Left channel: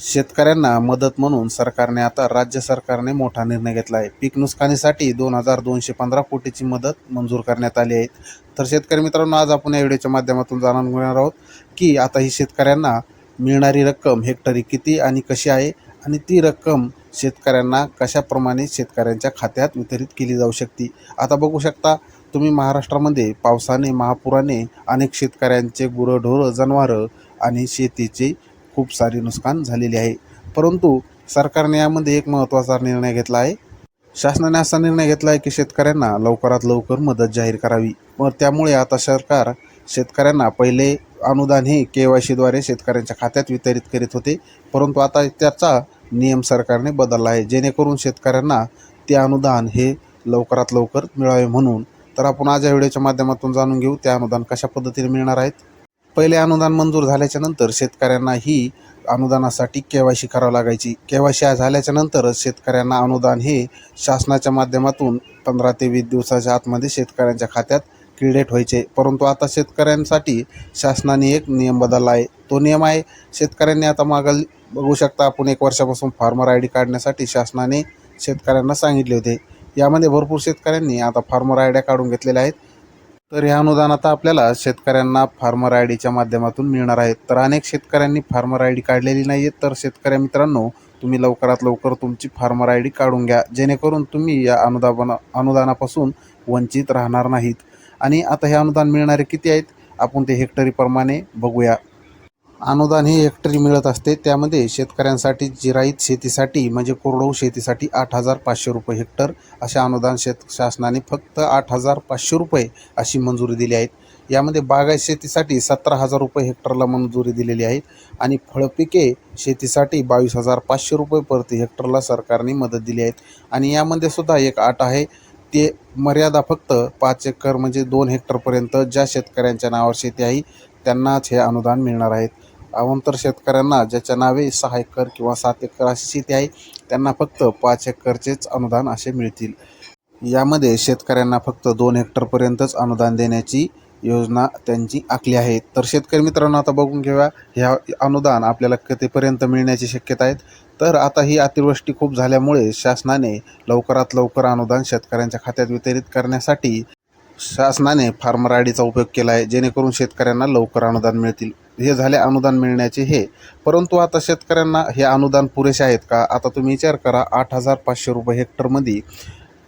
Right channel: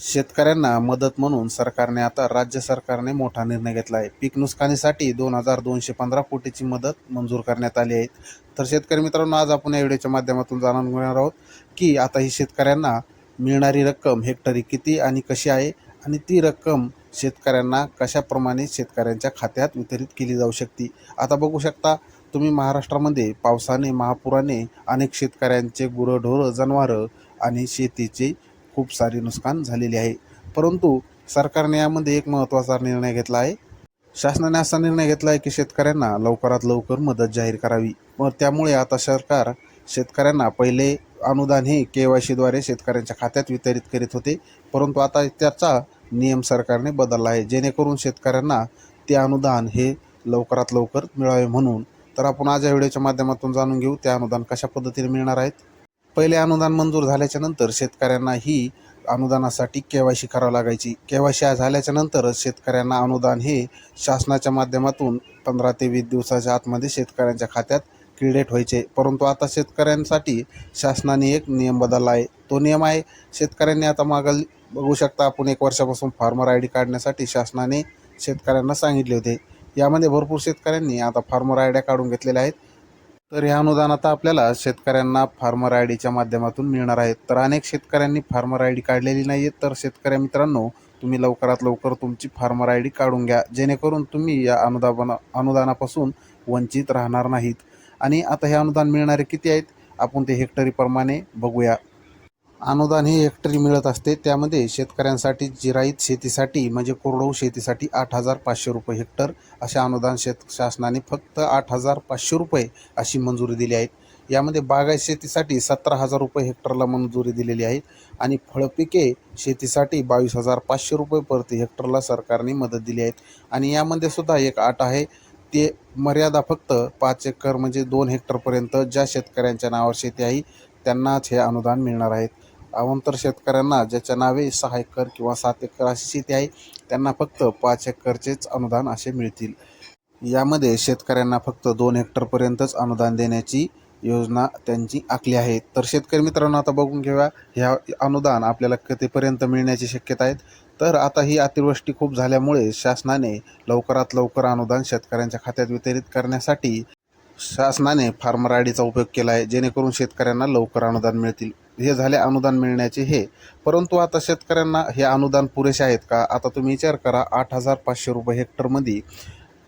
शेतकऱ्यांना मदत म्हणून सरकारने आता राज्य सरकारने मोठा निर्णय घेतला आहे. पीक नुकसानीसाठी दोन हजार दोनशे पंधरा कोटीची मदत मंजूर करण्यात आली आहे. तर शेतकरी मित्रांनो आज आपण या व्हिडिओच्या माध्यमातून जाणून घेणार आहोत की आता ही शेतकऱ्यांना मिळणारी रक्कम हेक्टरी किती आणि कशी आहे आणि ती रक्कम शेतकऱ्यांना कशाप्रमाणे शेतकऱ्यांच्या खात्यात वितरित केली जाऊ शकते? आता बघू शकता तुम्ही महाराष्ट्रामध्ये पावसाने महापुराने अनेक शेतकऱ्यांचे गुरंढोरं जनावरं आणि शेतीचे खूप सारे नुकसान झालेले आहे. परंतु सरकारने यामध्ये एक महत्त्वाचा निर्णय घेतला आहे. शासनाने असा निर्णय घेतला आहे की शेतकऱ्यांना लवकरात लवकर मदत जाहीर करावी व त्यामुळे आता सरकार शेतकऱ्यांना पहिले अनुदान हे के वाय सीद्वारे शेतकऱ्यांच्या खात्यात वितरित करीत होते. परंतु आता त्याचा नियम सरकारने बदलला आहे. जेणेकरून शेतकऱ्यांना ते अनुदान हे लवकरात लवकर मिळावे म्हणून. तर आपण आज या व्हिडिओच्या माध्यमातून जाणून घेऊ ते अनुदान कशा पद्धतीने मिळणार आहेत? पहिले अनुदान मंजूर झाल्याच्यानंतर शेतकऱ्यांना ही अनुदानासाठी के वाय सी करावं लागायची. केवायसी झाल्याच्यानंतर झाल्याच्या शेतकऱ्यांना अनुदान हे शासनाच्या माध्यमातून पंधरा ते वीस दिवसाच्या आतमध्ये शेतकऱ्यांच्या खात्यात क्रेडिट व्हायचे. परंतु आता शेतकऱ्यांसाठी शासनाने एक नियम बदलला आहे. तो नियम आहे शेतकऱ्यांनी आता मागल बघू शकता आपण एक वर्षापासून फार्मर आय डी काढण्यासाठी शासनाने शेतकऱ्यांना सांगितले होते. यामध्ये भरपूर शेतकऱ्यांनी आता फार्मर आयड्या काढून घेतलेल्या आहेत. तर हे अनुदान आता आपल्याला शेतकऱ्यांना फार्मर आय डीच्या माध्यमातून मिळणार आहेत तर अनेक शेतकऱ्यांनी फार्मर आय डी काढलेली नाही आहेत. तर शेतकऱ्या मित्रांनो तुम्ही लवकरात लवकर तुमची फार्मर आय डी काढून घ्या. जेणेकरून तुम्ही या अनुदाना अनुदानापासून वंचित राहणार नाहीत. आणि आता हे अनुदान मिळणारे किती आहेत? आपण ते हेक्टरीप्रमाणे बघूया. अनुदान हे हेक्टरी मिळत असते. त्यामध्ये शेतकऱ्यांसाठी जिराईत शेतीसाठी म्हणजे कोरडवू शेतीसाठी आठ हजार पाचशे रुपये हेक्टर असे अनुदान शेत शासनाने फक्त आठ हजार पाचशे रुपये अशी मंजुरी दिली आहे. यामध्ये बागायत शेतीसाठी सतरा हजार रुपये हेक्टरला मंजुरी दिलेली आहे आणि फळपिके शेतीसाठी बावीस हजार पाचशे रुपये प्रति हेक्टरला सरकारने मदत दिली आहे. आणि यामध्ये सुद्धा एक आठ आहे. ते मर्यादा फक्त पाच एकर म्हणजे दोन हेक्टरपर्यंत ज्या शेतकऱ्यांच्या नावावर शेती आहे त्यांनाच हे अनुदान मिळणार आहेत अवंतर शेतकऱ्यांना ज्याच्या नावे सहा एकर किंवा सात एकर अशी शेती आहे त्यांना फक्त पाच एकरचेच अनुदान असे मिळतील. यामध्ये शेतकऱ्यांना फक्त दोन हेक्टरपर्यंतच अनुदान देण्याची योजना त्यांची आखली आहे. तर शेतकरी मित्रांनो आता बघून घेऊया ह्या अनुदान आपल्याला कितीपर्यंत मिळण्याची शक्यता आहेत तर आता ही अतिवृष्टी खूप झाल्यामुळे शासनाने लवकरात लवकर अनुदान शेतकऱ्यांच्या खात्यात वितरित करण्यासाठी शासनाने फार्मर आय डीचा उपयोग केला आहे जेणेकरून शेतकऱ्यांना लवकर अनुदान मिळतील. हे झाले अनुदान मिळण्याचे हे. परंतु आता शेतकऱ्यांना हे अनुदान पुरेसे आहेत का? आता तुम्ही विचार करा आठ हजार पाचशे रुपये हेक्टरमध्ये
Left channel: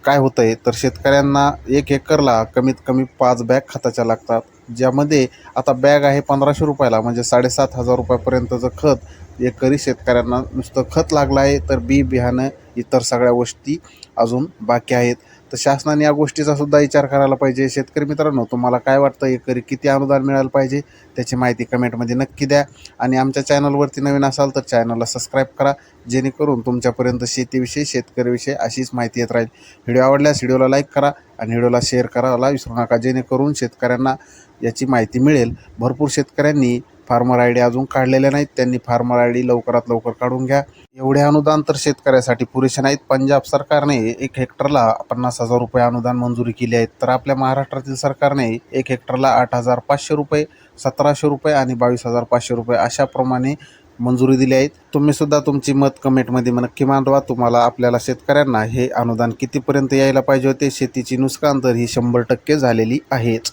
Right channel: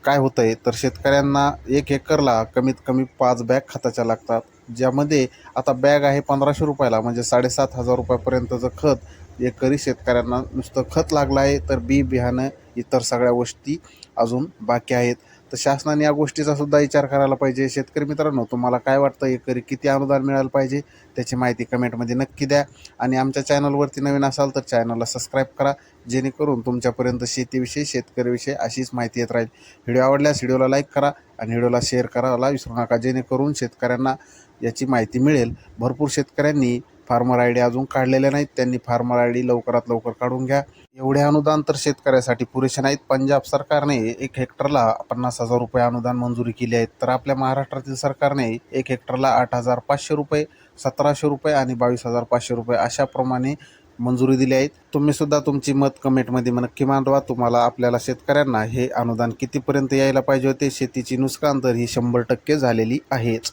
काय होतं आहे तर शेतकऱ्यांना एक एकरला कमीत कमी पाच बॅग खताच्या लागतात ज्यामध्ये आता बॅग आहे पंधराशे रुपयाला म्हणजे साडेसात हजार रुपयापर्यंतचं खत एकरी शेतकऱ्यांना नुसतं खत लागलं आहे तर बी बियाणं इतर सगळ्या गोष्टी अजून बाकी आहेत. तर शासनाने या गोष्टीचा सुद्धा विचार करायला पाहिजे. शेतकरी मित्रांनो तुम्हाला काय वाटतं? एकरी किती अनुदान मिळालं पाहिजे? त्याची माहिती कमेंटमध्ये नक्की द्या. आणि आमच्या चॅनलवरती नवीन असाल तर चॅनलला सबस्क्राईब करा. जेणेकरून तुमच्यापर्यंत शेतीविषयी शेतकरीविषयी अशीच माहिती येत राहील. व्हिडिओ आवडल्यास व्हिडिओला लाईक करा आणि व्हिडिओला शेअर करायला विसरू नका. जेणेकरून शेतकऱ्यांना याची माहिती मिळेल. भरपूर शेतकऱ्यांनी फार्मर आय डी अजून काढलेल्या नाहीत. त्यांनी फार्मर आय डी लवकरात लवकर काढून घ्या. एवढे अनुदान तर शेतकऱ्यासाठी पुरेसे नाहीत. पंजाब सरकारने एक हेक्टरला पन्नास हजार रुपये अनुदान मंजुरी केली आहे. तर आपल्या महाराष्ट्रातील सरकारने एक हेक्टरला आठ हजार पाचशे रुपये सतराशे रुपये आणि बावीस हजार पाचशे रुपये अशाप्रमाणे मंजुरी दिली आहे तुम्ही सुद्धा तुमची मत कमेंटमध्ये नक्की मांडवा. तुम्हाला आपल्याला शेतकऱ्यांना हे अनुदान कितीपर्यंत यायला पाहिजे होते? शेतीची नुकसान तर ही शंभर टक्के झालेली आहेच.